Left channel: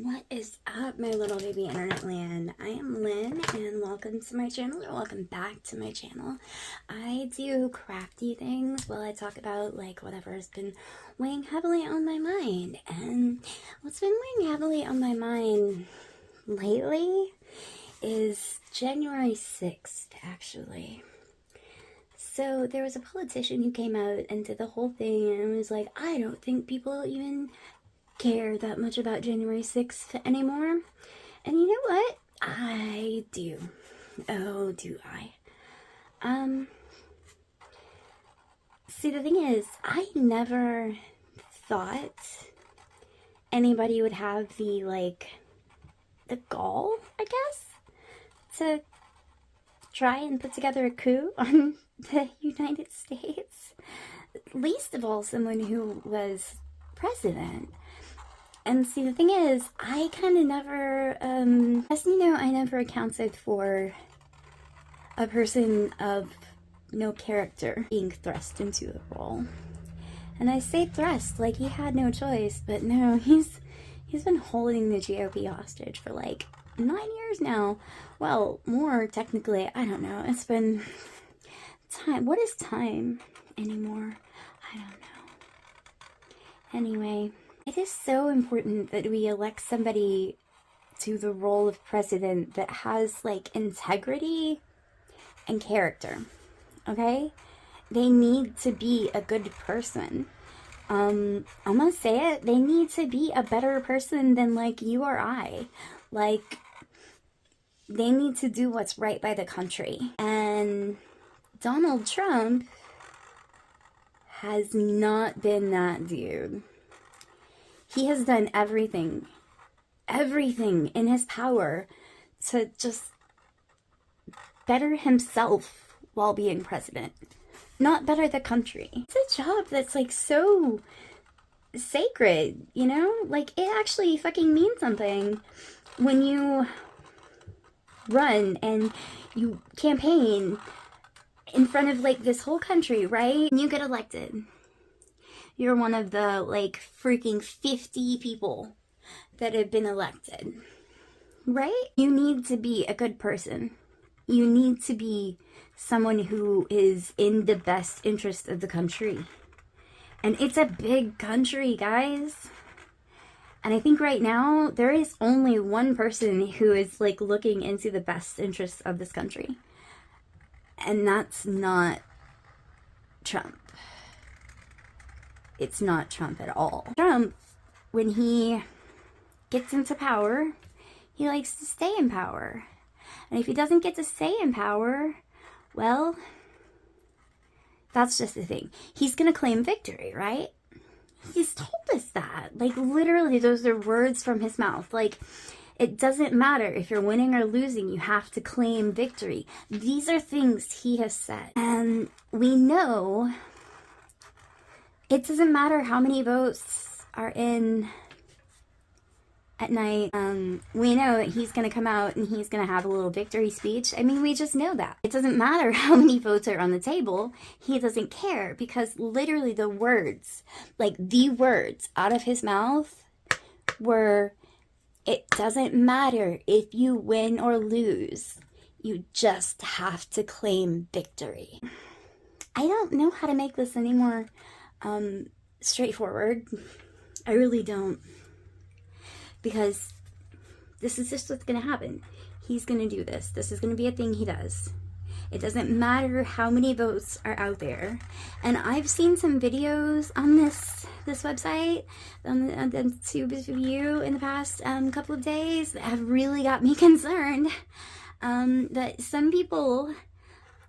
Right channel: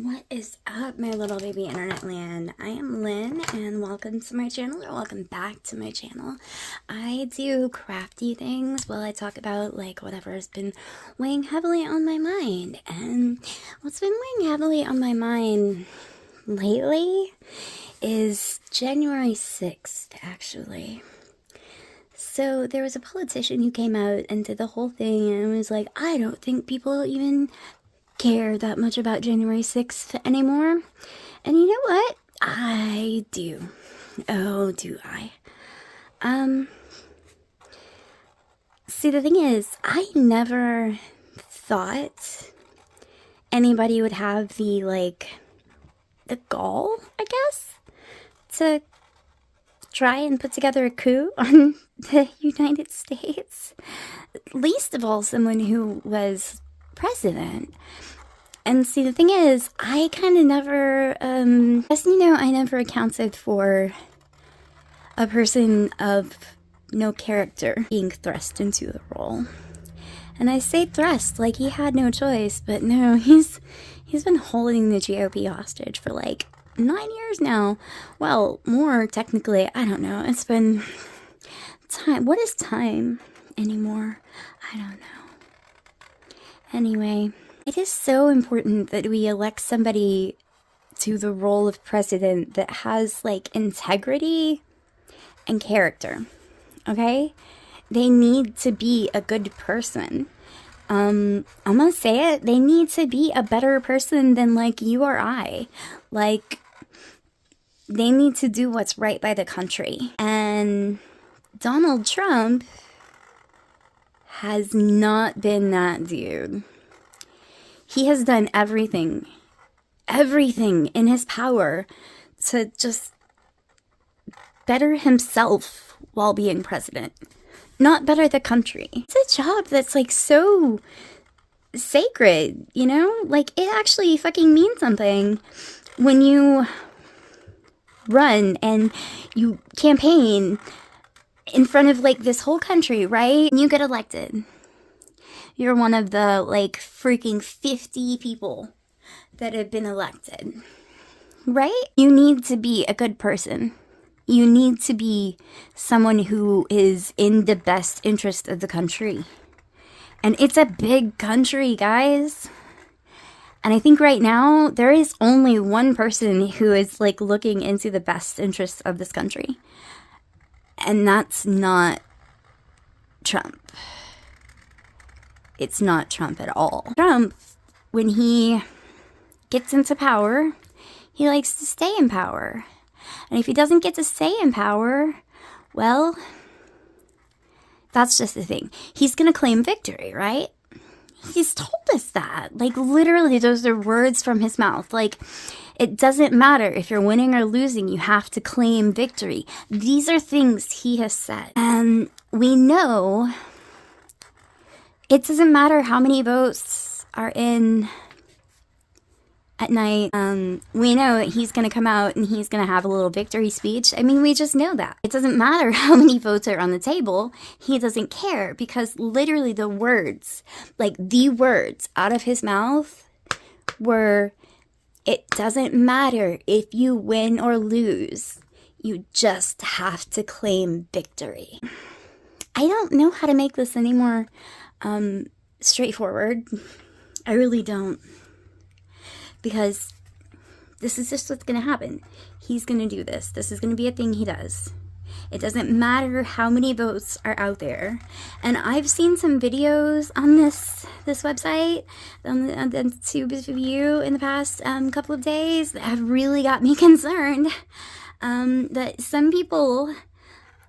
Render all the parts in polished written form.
What is up, my little baby internet land? I am Lynn, and welcome to my channel, or welcome back to my channel. I do crafty things while I talk about, like, whatever has been weighing heavily on my mind. And what's been weighing heavily on my mind lately is January 6th, actually. So there was a politician who came out and did the whole thing and was like, I don't think people even care that much about January 6th anymore. And you know what? I do. Oh, do I? See, the thing is, I never thought anybody would have the gall, I guess, to try and put together a coup on the United States. Least of all, someone who was president. And see, the thing is, I kind of never, I never accounted for a person of no character being thrust into the role. And I say thrust like he had no choice, but no, he's been holding the GOP hostage for like 9 years now. Well, more technically, I don't know. It's been time. What is time anymore? I don't know. Anyway, it is so important that we elect somebody to the role of president that has, like, integrity and character, okay? They need to be a good person. I'm gonna say it, they need to be a better person than, like, you or I. Like, they need to do what's right by the country. And Donald Trump has not been that dude. He has done everything in his power to just better himself while being president, not better the country. It's a job that's, like, so sacred, you know? Like, it actually fucking means something when you run and you campaign in front of, like, this whole country, right? And you get elected. You're one of the, like, freaking 50 people that have been elected, right? You need to be a good person. You need to be someone who is in the best interest of the country. And it's a big country, guys. And I think right now, there is only one person who is, like, looking into the best interests of this country. And that's not Trump. It's not Trump at all. Trump, when he gets into power, he likes to stay in power. And if he doesn't get to stay in power, well, that's just the thing. He's gonna claim victory, right? He's told us that. Like, literally, those are words from his mouth. Like, it doesn't matter if you're winning or losing, you have to claim victory. These are things he has said. And we know it doesn't matter how many votes are in at night. We know that he's going to come out and he's going to have a little victory speech. I mean, we just know that. It doesn't matter how many votes are on the table. He doesn't care, because literally the words, like the words out of his mouth were, it doesn't matter if you win or lose. You just have to claim victory. I don't know how to make this any more straightforward. I really don't. Because this is just what's going to happen. He's going to do this. This is going to be a thing he does. It doesn't matter how many votes are out there. And I've seen some videos on this website, on the Tube View in the past couple of days that have really got me concerned. That some people,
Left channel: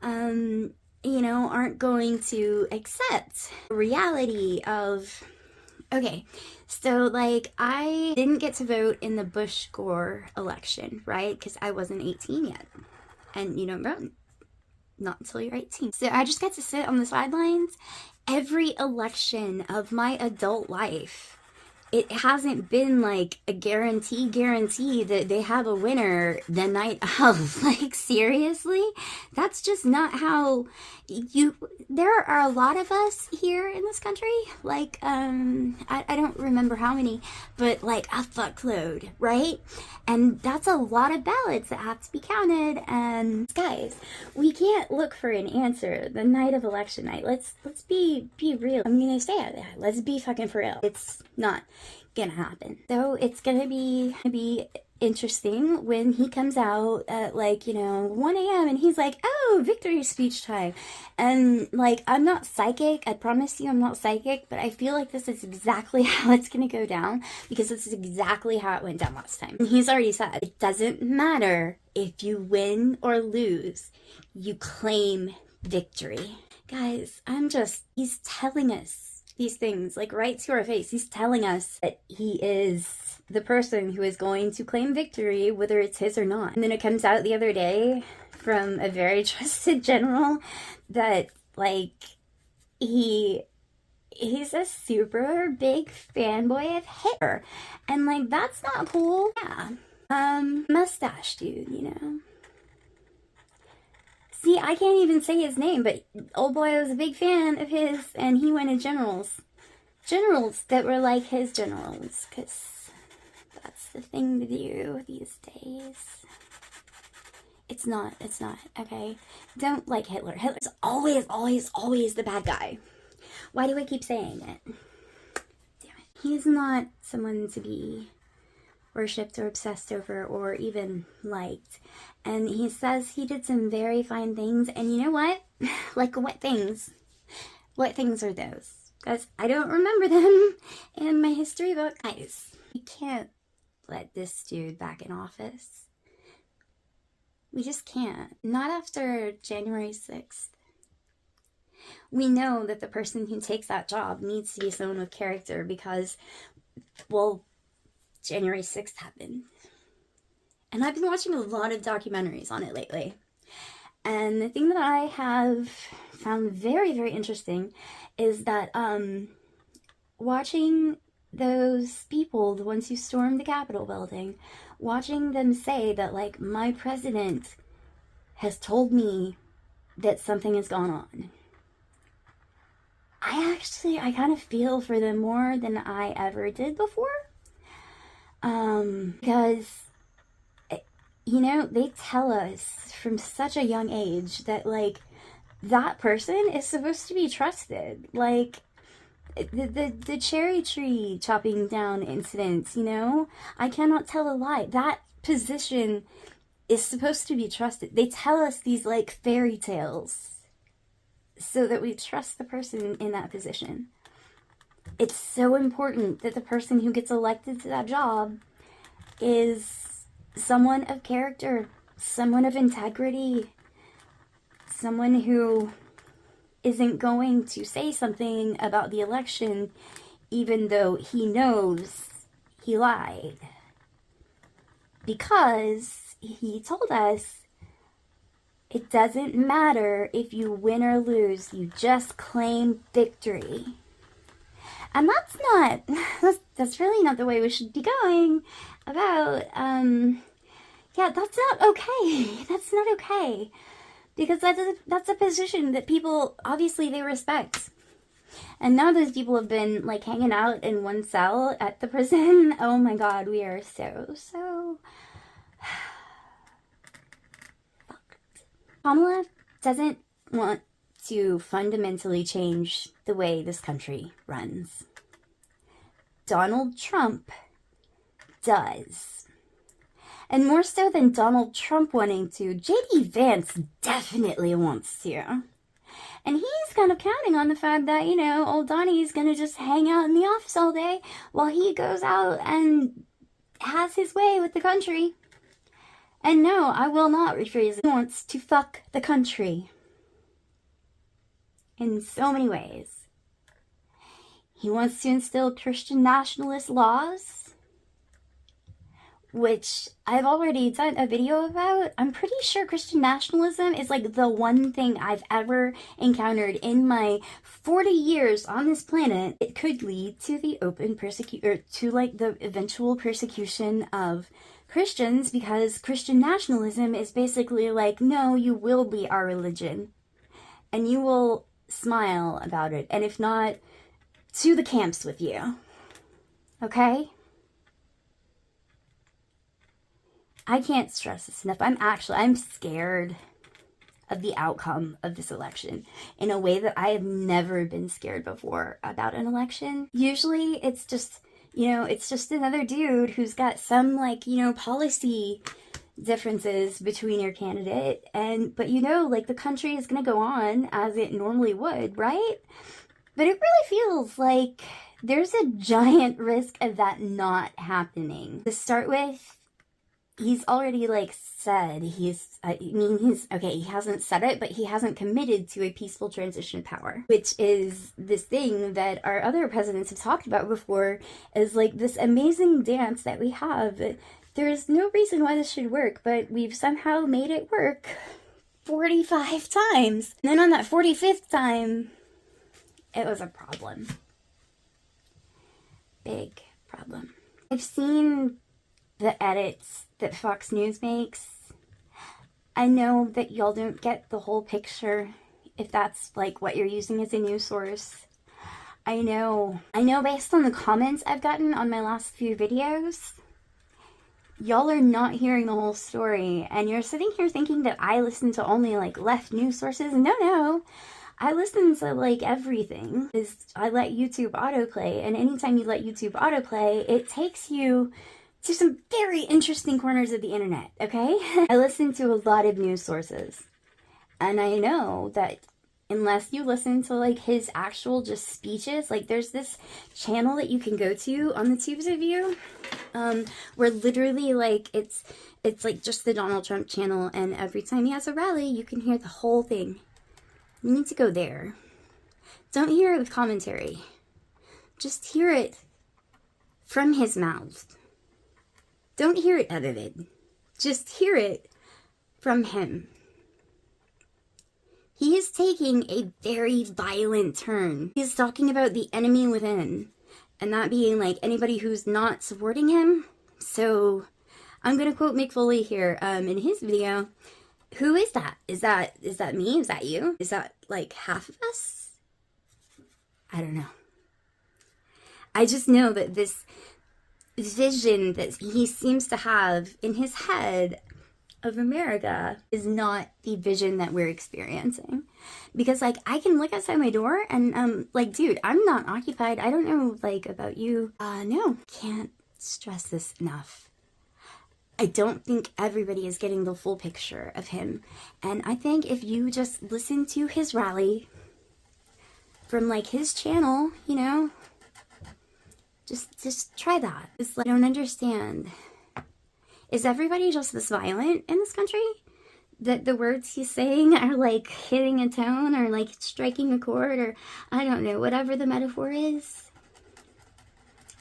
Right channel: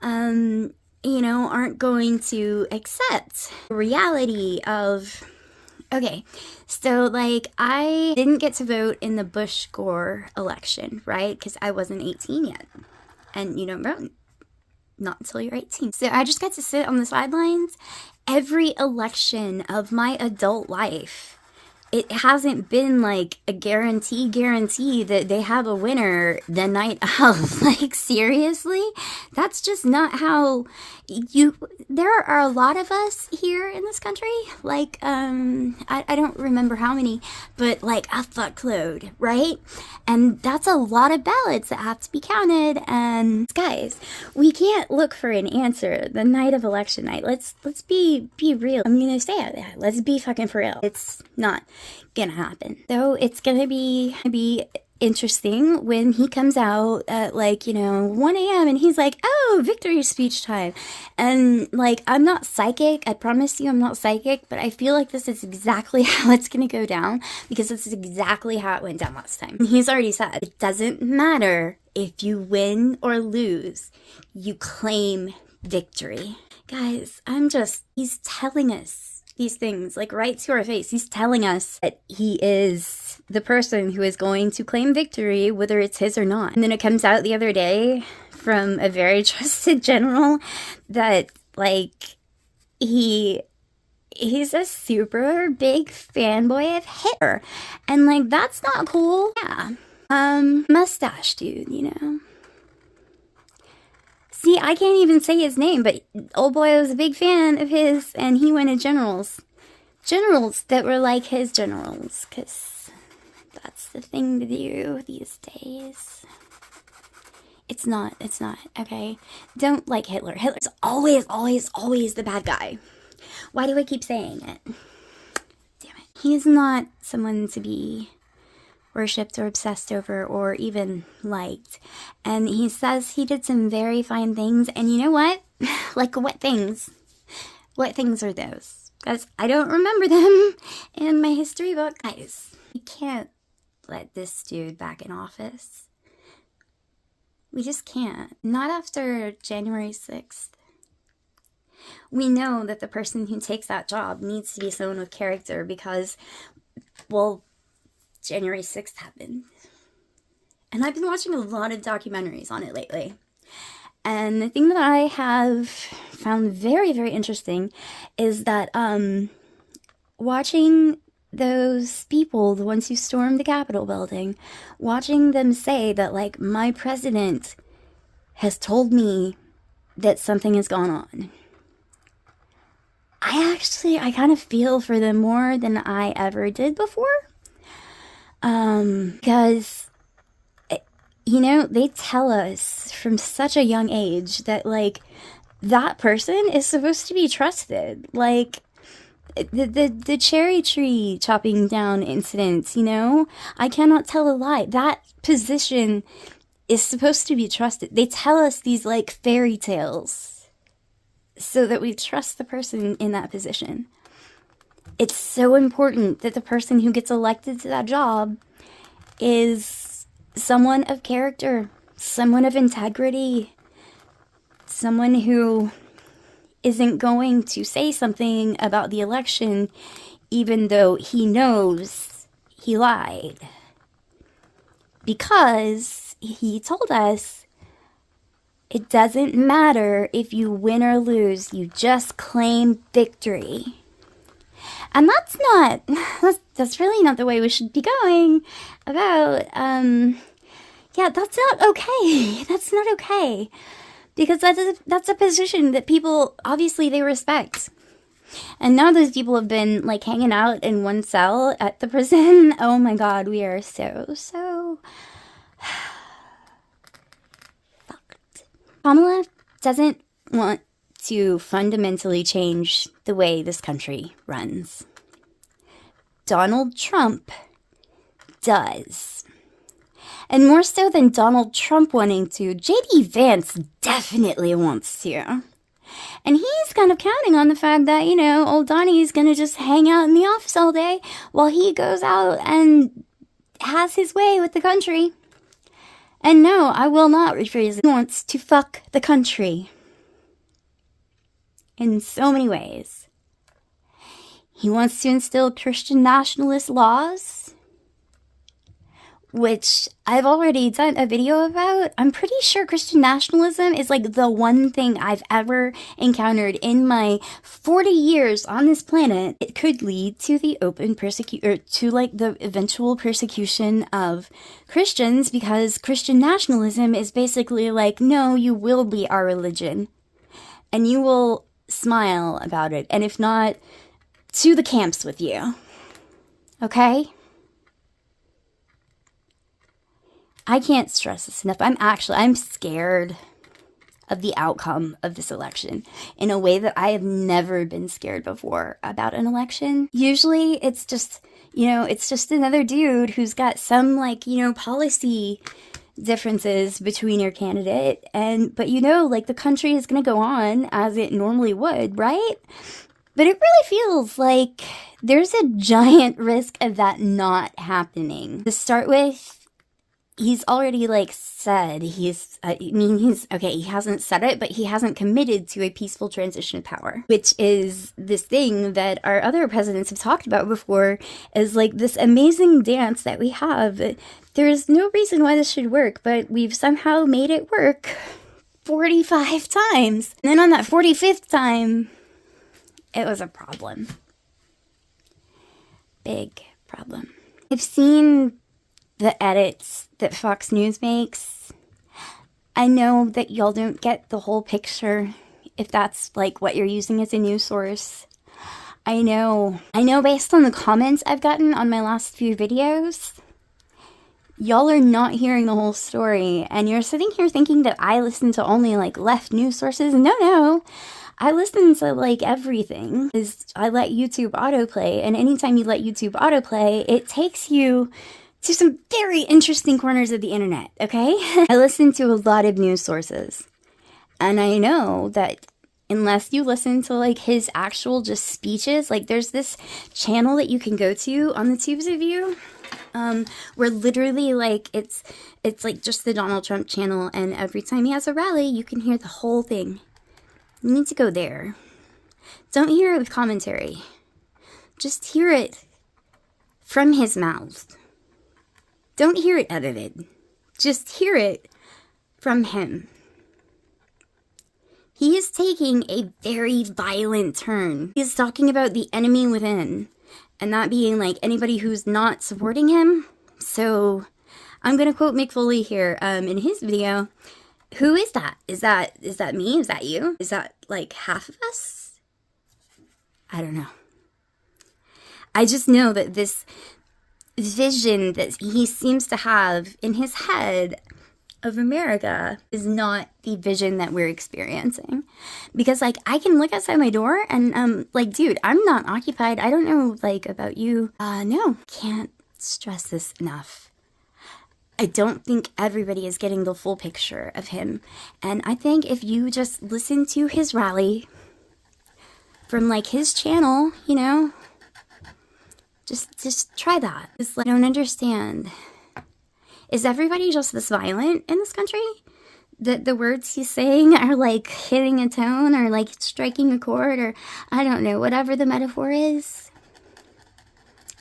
aren't going to accept the reality of, okay, so, like, I didn't get to vote in the Bush-Gore election, right? Because I wasn't 18 yet. And you don't vote. Not until you're 18. So I just got to sit on the sidelines every election of my adult life. it hasn't been like a guarantee that they have a winner the night of. Like, seriously? That's just not how you. There are a lot of us here in this country. Like, I don't remember how many, but like a fuckload, right? And that's a lot of ballots that have to be counted. And guys, we can't look for an answer the night of election night. Let's be real. I'm gonna say it. Let's be fucking for real. It's not gonna happen. So it's gonna be interesting when he comes out at, like, 1 a.m. and he's like, oh, victory speech time. And like, I'm not psychic. I promise you I'm not psychic, but I feel like this is exactly how it's gonna go down, because this is exactly how it went down last time. He's already said it doesn't matter if you win or lose, you claim victory. Guys, he's telling us these things, like, right to our face. He's telling us that he is the person who is going to claim victory, whether it's his or not. And then it comes out the other day from a very trusted general that, like, he's a super big fanboy of Hitler. And, like, that's not cool. Yeah. Mustache dude. See, I can't even say his name, but old boy was a big fan of his, and he went to generals. Generals that were like his generals, because that's the thing to do these days. It's not, okay? Don't like Hitler. Hitler's always the bad guy. Why do I keep saying it? Damn it. He's not someone to be worshipped or obsessed over or even liked. And he says he did some very fine things, and you know what? Like, what things? What things are those? Because I don't remember them in my history book. Guys, we can't let this dude back in office. We just can't. Not after January 6th. We know that the person who takes that job needs to be someone with character, because, well, January 6th happened. And I've been watching a lot of documentaries on it lately. And the thing that I have found very, very interesting is that watching those people, the ones who stormed the Capitol building, watching them say that, like, my president has told me that something has gone on. I kind of feel for them more than I ever did before. Because, they tell us from such a young age that, like, that person is supposed to be trusted. Like, the cherry tree chopping down incident, I cannot tell a lie. That position is supposed to be trusted. They tell us these, like, fairy tales so that we trust the person in that position. It's so important that the person who gets elected to that job is someone of character, someone of integrity, someone who isn't going to say something about the election even though he knows he lied. Because he told us it doesn't matter if you win or lose, you just claim victory. And that's really not the way we should be going about, that's not okay. That's not okay. Because that's a position that people, obviously, they respect. And now those people have been, like, hanging out in one cell at the prison. Oh my god, we are so fucked. Kamala doesn't want to fundamentally change the way this country runs. Donald Trump does. And more so than Donald Trump wanting to, J.D. Vance definitely wants to. And he's kind of counting on the fact that, old Donnie's gonna just hang out in the office all day while he goes out and has his way with the country. And no, I will not rephrase it. He wants to fuck the country. In so many ways. He wants to instill Christian nationalist laws, which I've already done a video about. I'm pretty sure Christian nationalism is like the one thing I've ever encountered in my 40 years on this planet. It could lead to the open or to like the eventual persecution of Christians, because Christian nationalism is basically like, no, you will be our religion and you will smile about it, and if not, to the camps with you. Okay? I can't stress this enough. I'm scared of the outcome of this election in a way that I have never been scared before about an election. Usually it's just, it's just another dude who's got some like, policy differences between your candidate, but like the country is going to go on as it normally would, right? But it really feels like there's a giant risk of that not happening. To start with, he's already like said he hasn't said it, but he hasn't committed to a peaceful transition of power, which is this thing that our other presidents have talked about before as like this amazing dance that we have. There's no reason why this should work, but we've somehow made it work 45 times. And then on that 45th time, it was a problem. Big problem. I've seen the edits that Fox News makes. I know that y'all don't get the whole picture if that's like what you're using as a news source. I know based on the comments I've gotten on my last few videos, y'all are not hearing the whole story, and you're sitting here thinking that I listen to only like left news sources. No. I listen to like everything. I let YouTube autoplay, and anytime you let YouTube autoplay, it takes you to some very interesting corners of the internet, okay? I listen to a lot of news sources, and I know that unless you listen to like his actual just speeches, like there's this channel that you can go to on the tubes of you, where literally like it's like just the Donald Trump channel, and every time he has a rally, you can hear the whole thing. You need to go there. Don't hear it with commentary. Just hear it from his mouth. Don't hear it edited. Just hear it from him. He is taking a very violent turn. He's talking about the enemy within, and that being like anybody who's not supporting him. So I'm gonna quote Mick Foley here in his video. Who is that? Is that me? Is that you? Is that like half of us? I don't know. I just know that this vision that he seems to have in his head of America is not the vision that we're experiencing. Because like I can look outside my door and like, dude, I'm not occupied. I don't know like about you. No, can't stress this enough. I don't think everybody is getting the full picture of him. And I think if you just listen to his rally from like his channel, just try that. Just like, I don't understand. Is everybody just this violent in this country? That the words he's saying are like hitting a tone or like striking a chord, or I don't know, whatever the metaphor is.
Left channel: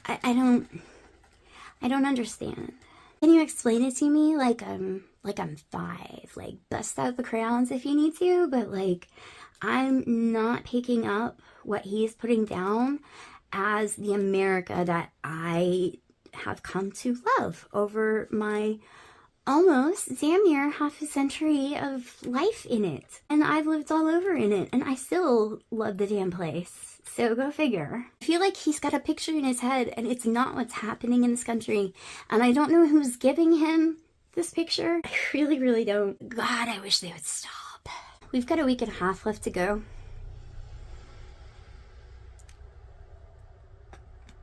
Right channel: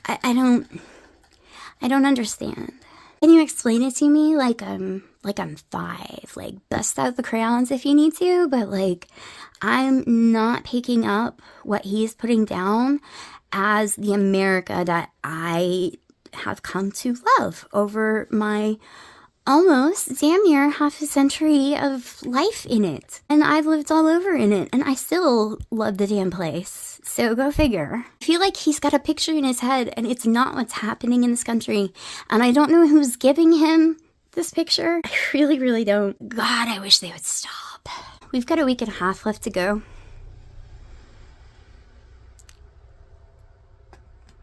I don't understand. Can you explain it to me like I'm 5? Like, bust out the crayons if you need to, but like I'm not picking up what he's putting down as the America that I have come to love over my almost damn near half a century of life in it. And I've lived all over in it, and I still love the damn place. So go figure. I feel like he's got a picture in his head, and it's not what's happening in this country. And I don't know who's giving him this picture. I really, really don't. God, I wish they would stop. We've got a week and a half left to go.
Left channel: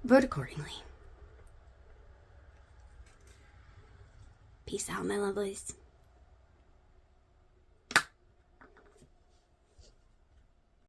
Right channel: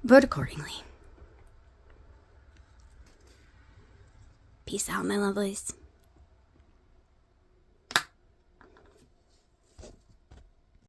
Vote accordingly. Peace out, my lovelies.